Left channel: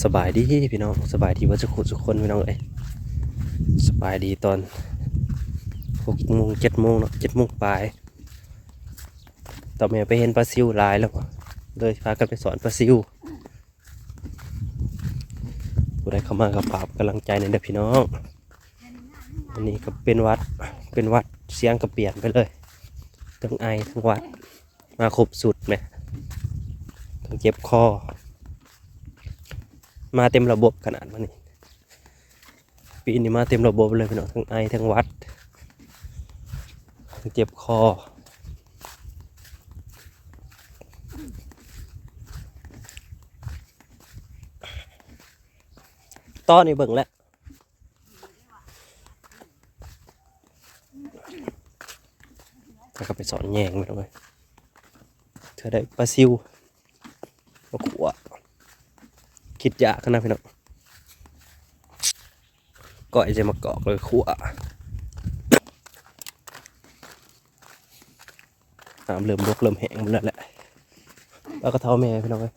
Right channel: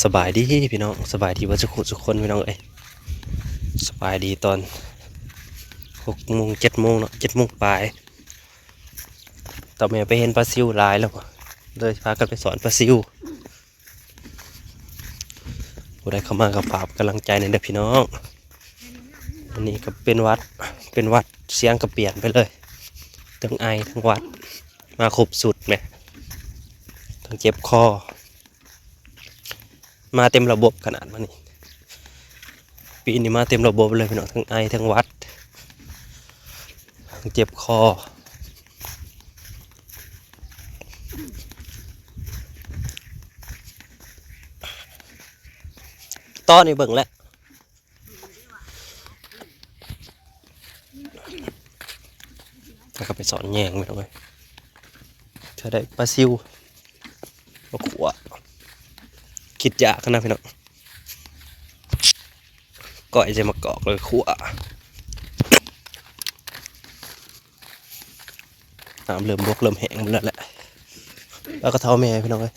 สบายดีพี่น้องสบายดีว่าจะขุดสุกคนพี่น้องเอ้ยสบายดีตอนหกโมงเจ็ดโมงเนาะเจ็ดโมงปลายตอนแม่ไปเห็นปลาซิวลายแล้วว่ะเลยพากันไปสอนปลาซิวผู้ใดเข้ามากับปราบกำลังใจในเด้อพี่น้องอันนี้ก็เป็นวัดเป็นวัดเสียงก็เปลี่ยนไปเลยทั้งไอทั้งวัดมาครบสุดไหมทั้งเจ็บคอ มาเต็มระบบขนาดมานี่ปีนี้มาเต็มระบบเลยพี่น้องทั้งไอทั้งวัดทั้งเจ็บคอต้อนนี่เบิ่งแล้วถ้าเขาไปสอนแยงไปเลยเธอได้ปลาซิวปลาขว คิดยากนะพี่น้องก่อยจะมากอกเลยขั่วน้ำเริ่มบกเริ่มแห้งหมดแล้วแหละแล้วก็เท้าแม่พี่น้องเลย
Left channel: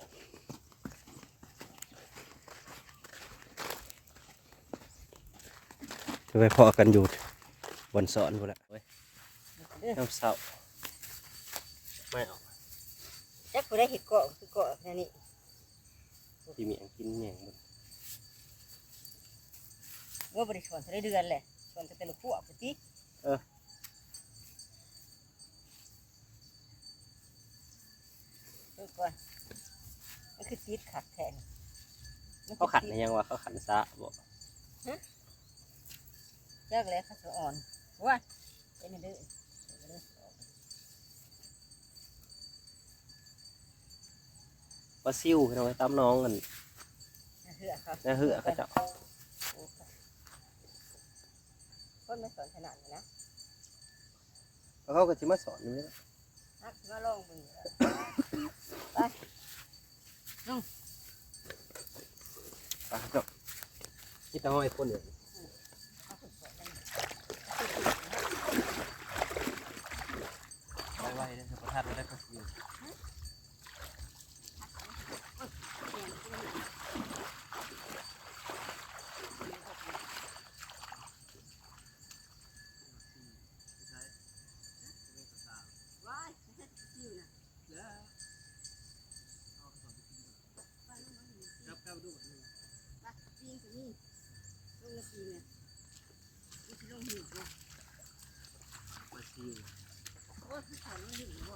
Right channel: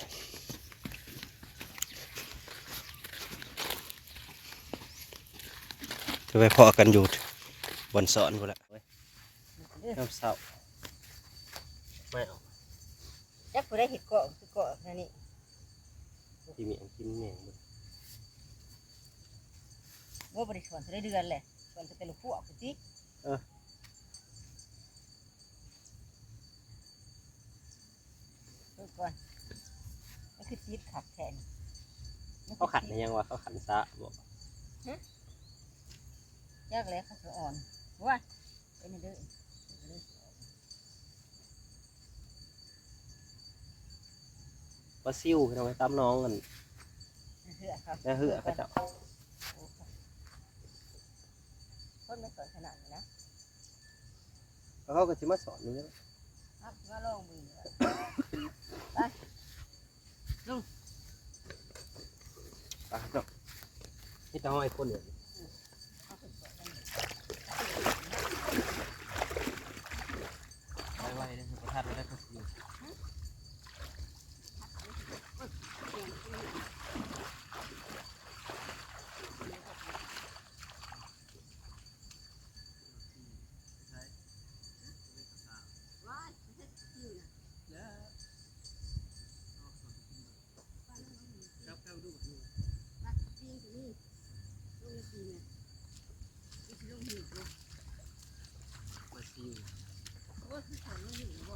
จะไปพอกันอยู่บนสอนกูแหละน้ำเศร้าไม่เอาจักผู้ได้เห็ดเกาะคือเกาะแค่นี้ ที่มีอันกินแหงหมดว่าบริสอนจะได้เดือนแหละสอนจะเป็นลูกพวกปฏิเออก่อนมันคือจีดขัดแทนเขาขันนะยังว่าเขาขันซะบอกยากแล้วขัดอ่อนว่าเป็นเด้อ ว่าซิ่วพี่น้องไปตามน้องกันเหือครับนะเหือเขาเจะต้นไม่สอนขนาดนี้นะแล้วเขาก็จะมาสอนนี่แหละฮักมาลองมือไปเนาะนี่ตาห้อยคนเดียวไว้ๆนะประทัดไว้ได้ก็คือครับครับดู บัดจีนตัวนี้ลงจีนเนี่ยนี่ลงหิวบ่ มาซิว โอ้คือสอนลงหิวบ่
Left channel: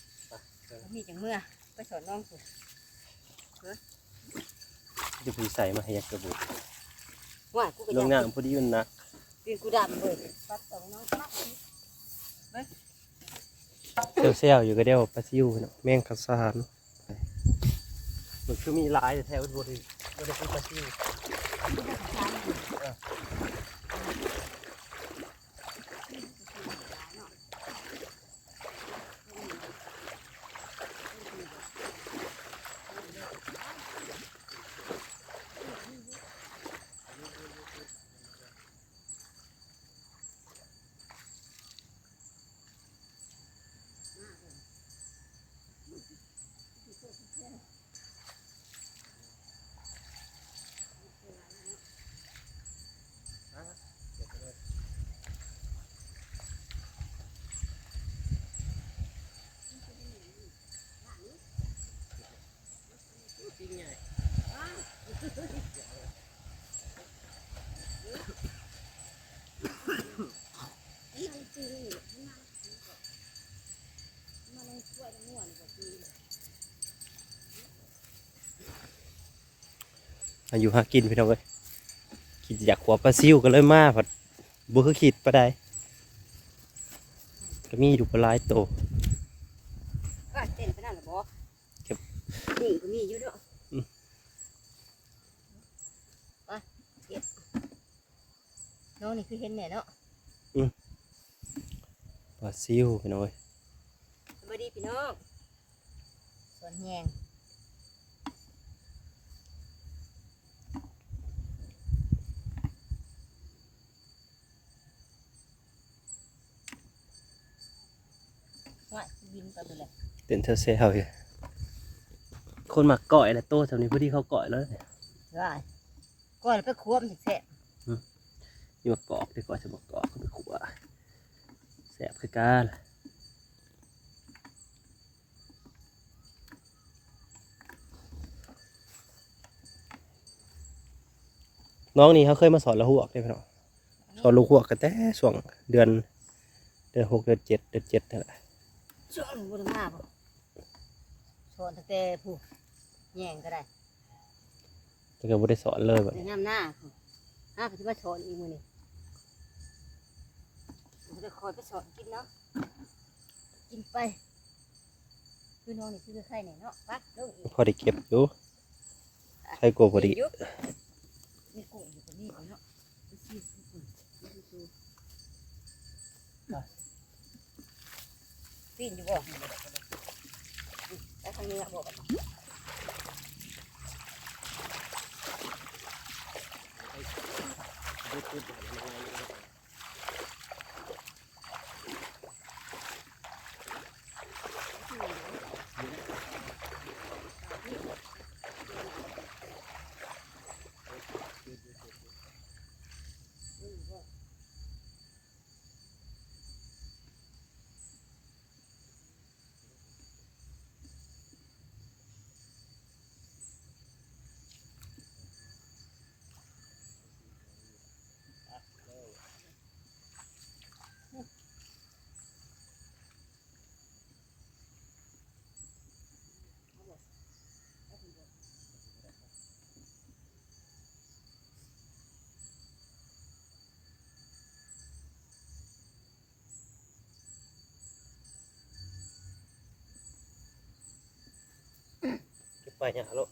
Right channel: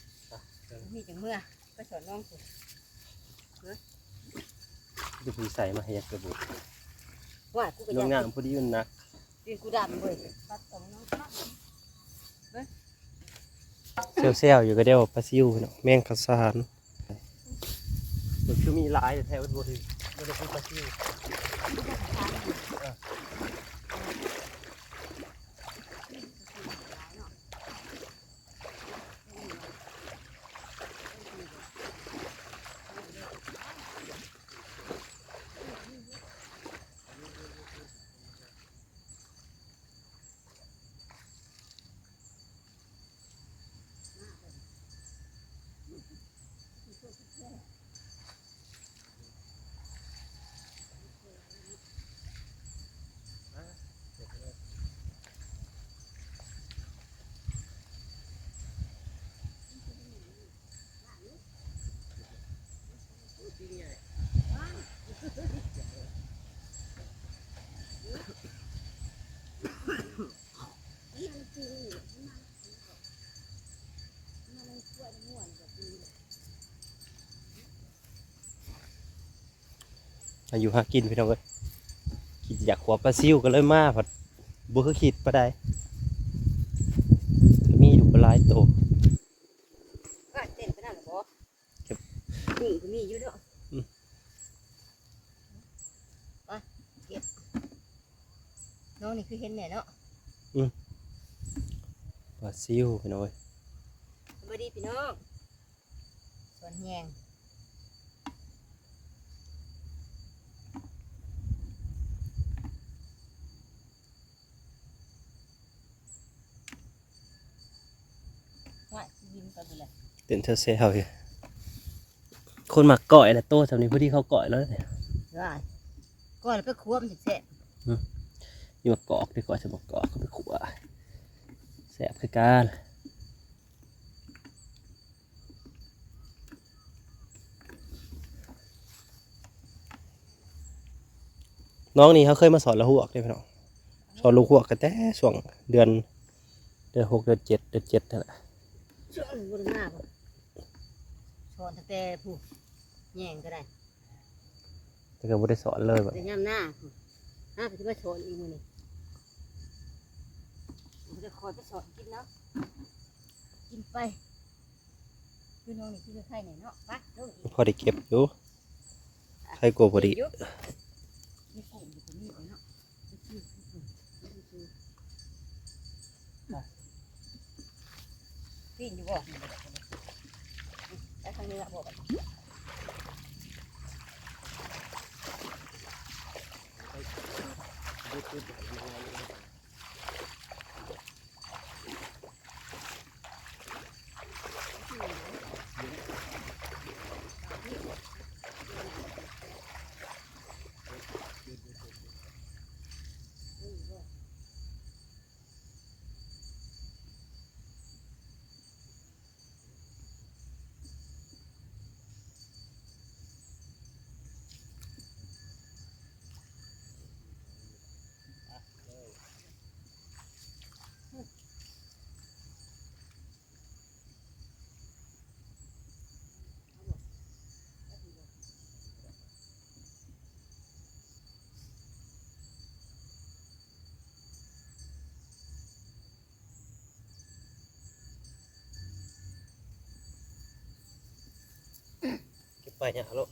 นนะตาถ้าสอนที่เบิ้ลก็คือนี่ปลาซิวสับพี่น้องเอ้ยโอ้ยจะเป็นข้าวสารไปลงไปน้องน่ะบ่ให้น้องน่ะไปก่อนเนาะนี่จังเมื่อไปสอนน้องสิจะไปใส่มาให้ยักกระบุกว่ากูก็ลงอยากน้ำพอดีมันหนักกินกูดำเลยปัดเอาน้องไปเซลล์อยู่ก็เดียวปลาซิวเนาะแมงกะสานเดี๋ยวคือมีหลายแถวบริบริเป็นปลาซิว อายุหากินพี่น้องเว้ยคิดอยากขวบปลาซิวกันเลยมากผัดบุคคิดปลาได้ก็มีอยู่ปลายโตว่เต้นไปนั่นหรอบอเก็บนี่ก็มีอยู่ด้วยาเก็น้องนี่คือเห็นแน่เนาะปลาซิวพี่น้อเว้ย วัสดีพี่น้องสวนแหงว่ายิ้มกันไปเลยเต้นเซลๆอยู่คนมักก่อยนะโตสำนี้พอดีเขาก่อยแล้วเนี่ยว่าก่อนไปควมแสบอยู่กอกดีกว่าจะบอกกอกก็ไปขัวแสบคือการ น้องนี่เขาเคยมาสอนละหัวกเลยพี่น้องสอนลูกหัวกกันแต่ช่วงเดือน เดือนหกเดือนเจ็ดเดือนเจ็ดนั่นแหละๆช่วงบุญมาบ่สอนตั้งแต่ผู้แย่งก็ได้แต่ก็ไม่ได้สอนเลยแบบแต่ย่ำหน้าผู้ห้าไปที่มาสอนอีกมือนี่ผมจะคอยไปสอนกินเนาะกินไปคือน้องนี่คือไข่ไหนเนาะไปลงอีกพอได้เก็บอยู่ใครกลัวพอดี มีกุ้งอยู่ตรงนี้ก่อนเนาะดูสิอืมดูสิ ปีนอยู่บ่อืม ไปเนี่ยลูก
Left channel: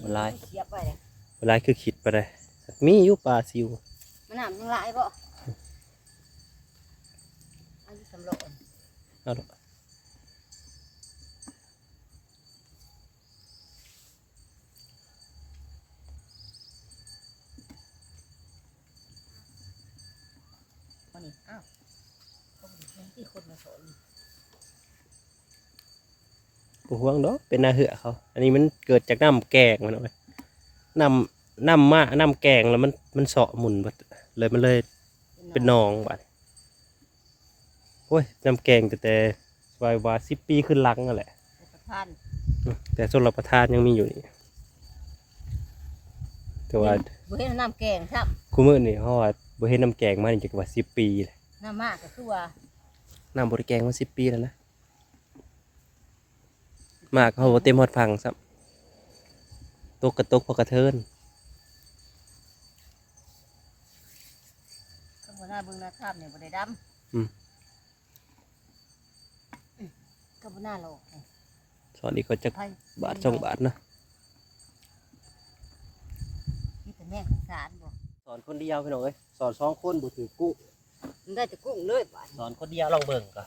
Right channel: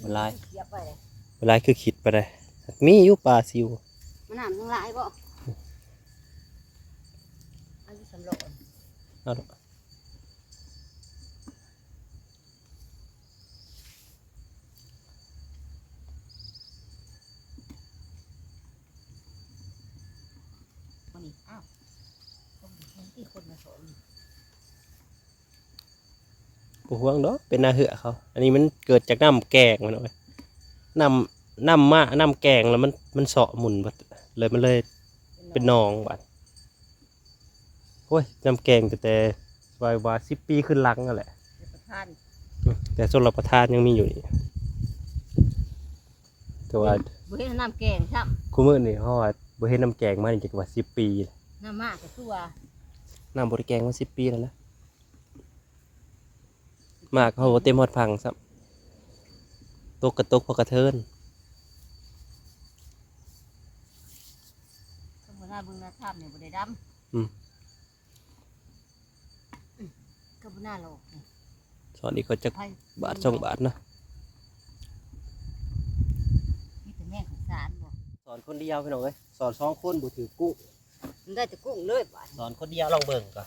เวลาเสียบไปเลยเวลาคือขิดไปเลยมีอยู่ปลาซิวมันน้ำยังหลายบ่อายุสำรองเอาลูก วันนี้อ้าวเขาบอกว่าที่คนมาสอน ปูห่วงเนาะเป็นนาเหือเขา อันนี้มันเกิดจากน้ำแกงมันเอาไว้น้ำน้ำมาน้ำแกงแล้วมันมันเสาะหมุนบัดเลยมันเลยเป็นหนองบัดโอ้ยน้ำแกงแต่แต่วายวาสิบปีขึ้นหลังนั่นแหละประธานอืมแต่ส่วนรับประทานยังมีอยู่นี่แต่ว่าบุเห็นน้ำแกงครับคู่มือนี่เขาว่าบ่เห็นน้ำแกงมานี่จะว่าสิบปีเลยน้ำมากก็คือว่าน้ำบริแกงมาสิบปีแล้วนะ มากเขาบ่เต็มหอดพังซ้ำตกกระตกพอกระเทินข้างบนหน้าเบื้องหน้าท่ามเนี่ยบ่ได้ดำอืมข้างบนหน้าโลกนี่สอนอีกก็จะไผ่บาทสองบาทนะมีแต่แม่งข้าวสารบ่สอนคนเดียวพี่น้องเอ้ยสอนสองคนบ่ถือกุ้งมันได้แต่กุ้งเลยบ่สอนคนเดียวลองเบิ่งก่อน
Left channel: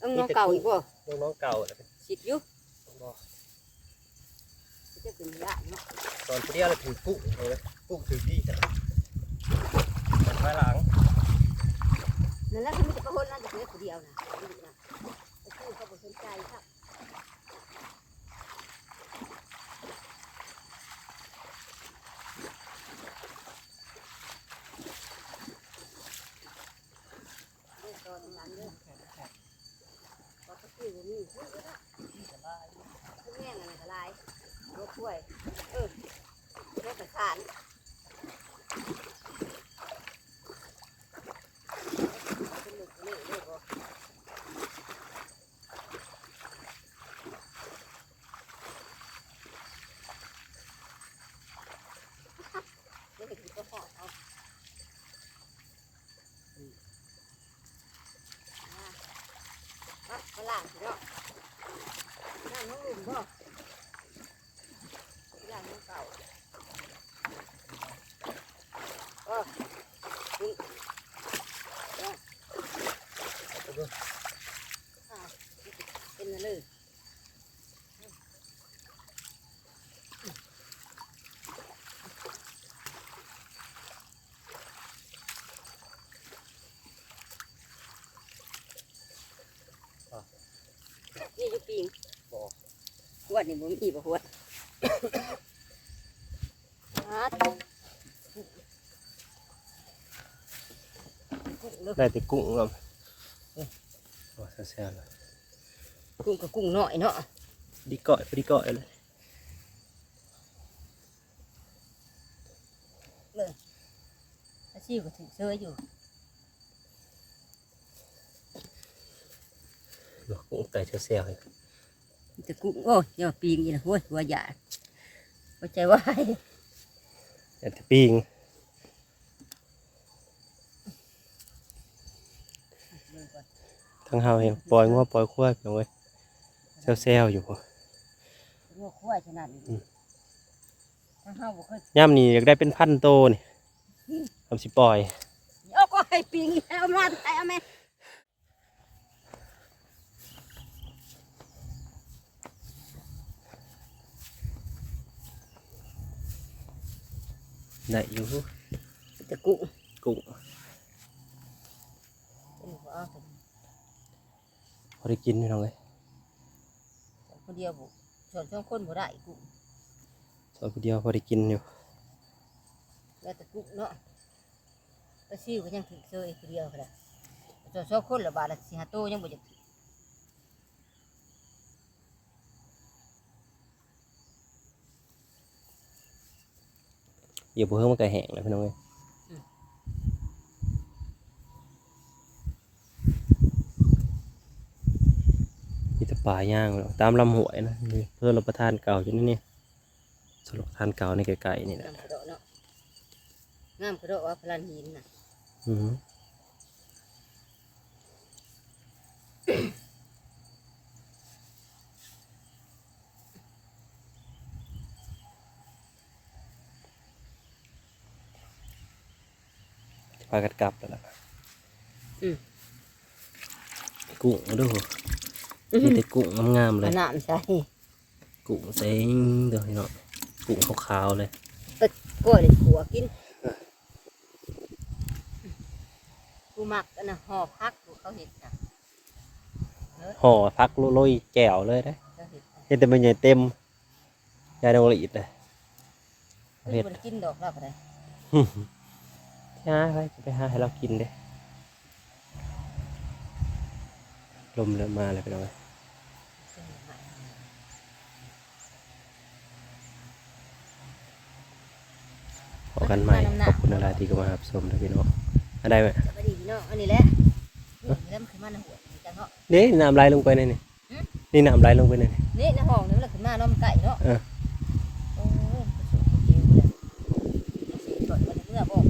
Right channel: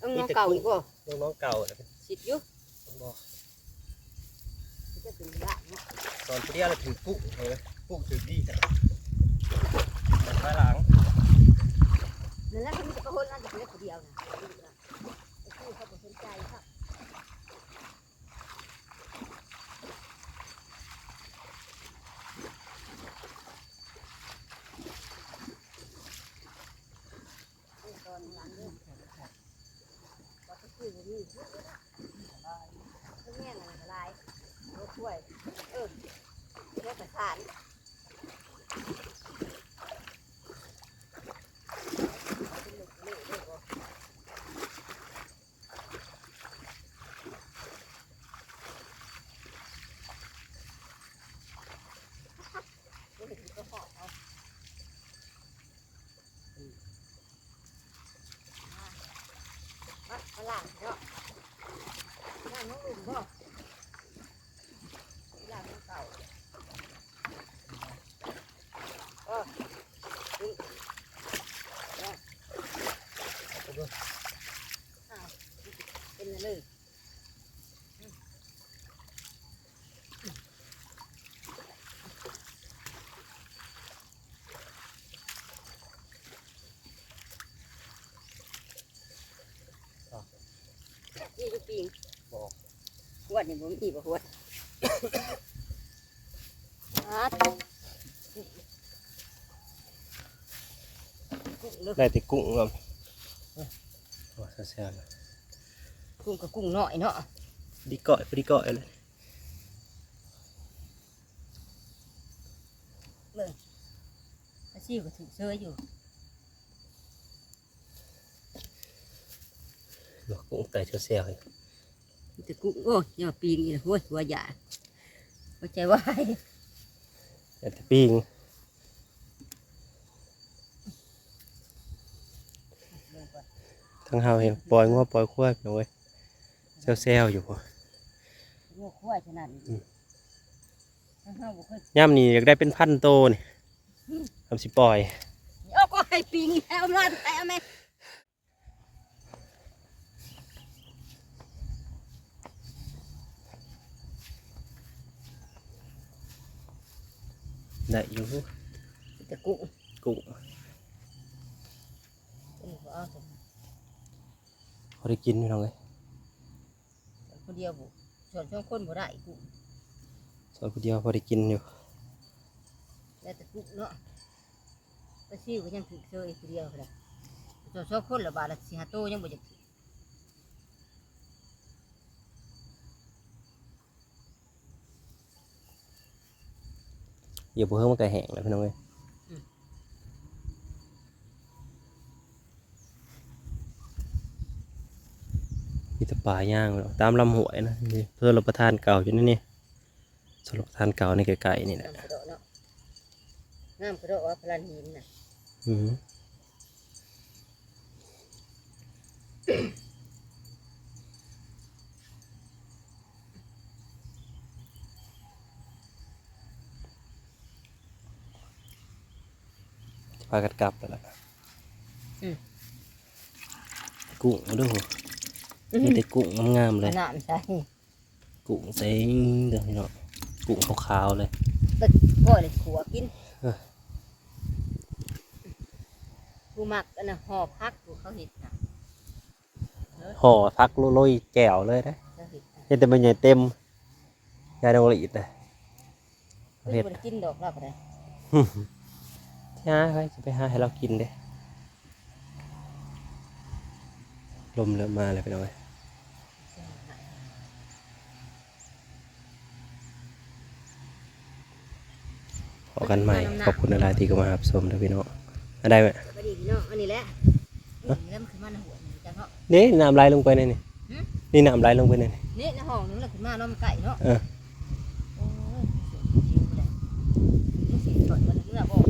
ต้องน้องเก่าอีกบ่น้องเก่าแล้วเป็นสิทธิ์อยู่ บ่จะเป็นละเนาะสอนเดียวแล้วถือกุ้งเลยกุ้งถือดีจ้ะสอนภายหลังนั่นแหละคือมีแต่คนนั่นจะเป็นเดียวนะไอ้ผู้เขาบ่สนใจครับตอนหลังเรื่องแข็งแข็งก็ตะกี้นี่ย แห้งอะไรก็ได้รถช่วย เออแม่กระสานไม่ได้กินก็แค่เอาเอาเอาล่างเถอะน้ำน้องอุ่นบ่ล่างมันไป อ้าวเป็นอะไรเลย นี่อยู่ปิง บ่ หัว ดนี่บ่มีบ่หัวดฮะเลิกได้แต่กุ้งครับโอ้แซ่บๆเลยกุ้งกับกุ้งน้อยเนาะดีเกาะดีเกาะเลยอาชีพก็ถูกเสื้ออยู่หลอกกุ้งไก่แซ่บๆเลย มีแต่กุ้งโอ้ยยอปีงนี่นะโว้ยหัวใหญ่หัวใจวายแต่แต่ปิ้งทั้งเฮาเห็นปล่อยงัวปล่อยควายไปเลยแซ่บๆอยู่พอหัวควายขนาดนี้อืมถ้าเฮาบ่เคยย่ำนี่อยากได้เป็นพันโตนี่ทำสิปล่อยโอ้ก็ไก่ปิงเอามาไก่เอาไหม ได้อยู่มีแต่กุ้งกุ้งเออบ่เอาแต่พอได้กินพี่น้องเลยคนเดียวบุส่วนสองคนบ่ได้กุ้งสอนคนเดียวพอได้กินอยู่แล้วแต่กุ้งเนาะไปซิวก็ยังถือเสื้ออีกคนเดียวเลยส่วนสองคนละบาทละสี่ห้าโตยังบ่อยากถือ เดี๋ยวพวกเพิ่งมันก็แห้งแล้วพี่น้องเลยมีแต่ป่าย่างเนาะตามลำห้วยนะนี่เพื่อรับประทานเก่าอยู่นี่นี่สำหรับประทานเก่าในไกลๆนี่แหละงามกระโดดเนาะงามกระโดดว่าพลันหินน่ะอือ พากันกลับไปแล้วกุ้งมาดูมีแต่กุ้งงามๆเลย น้ำใช่กุ้งเซ็งเดี๋ยวนี้เนาะกุ้งขาวๆเลยไปก้อยเลยขัวกินเออกูมักอันน่ะห่อพักกูเขาเห็ดน่ะห่อพักโรยแจ่วเลยนะเขาเห็ดน่ะเห็นแต่มันใหญ่เต็มยาดองละเอียดเลยเฮ้ยเห็ดบ่ได้กินดอกรับอะไร ใช่ไปจะไปหาให้เรากินเด้ลมเริ่มมาเลยไปเลยขอกันใหม่ขอบคุณอะไรที่เข้ามารับชมนะพี่น้องอะไรไหมสวัสดีพี่น้องอันนี้แหละนี่เริ่มขึ้นมาในหัวนี่จังเนาะนี่น้ำไหลลงไปในนี่หึนี่น้ำไหลลงไปในนี่นี่ในห้องนี่มันขึ้นมาเนาะมันไก่เนาะเออโอ้ยมันสีสดมันเมื่อบอก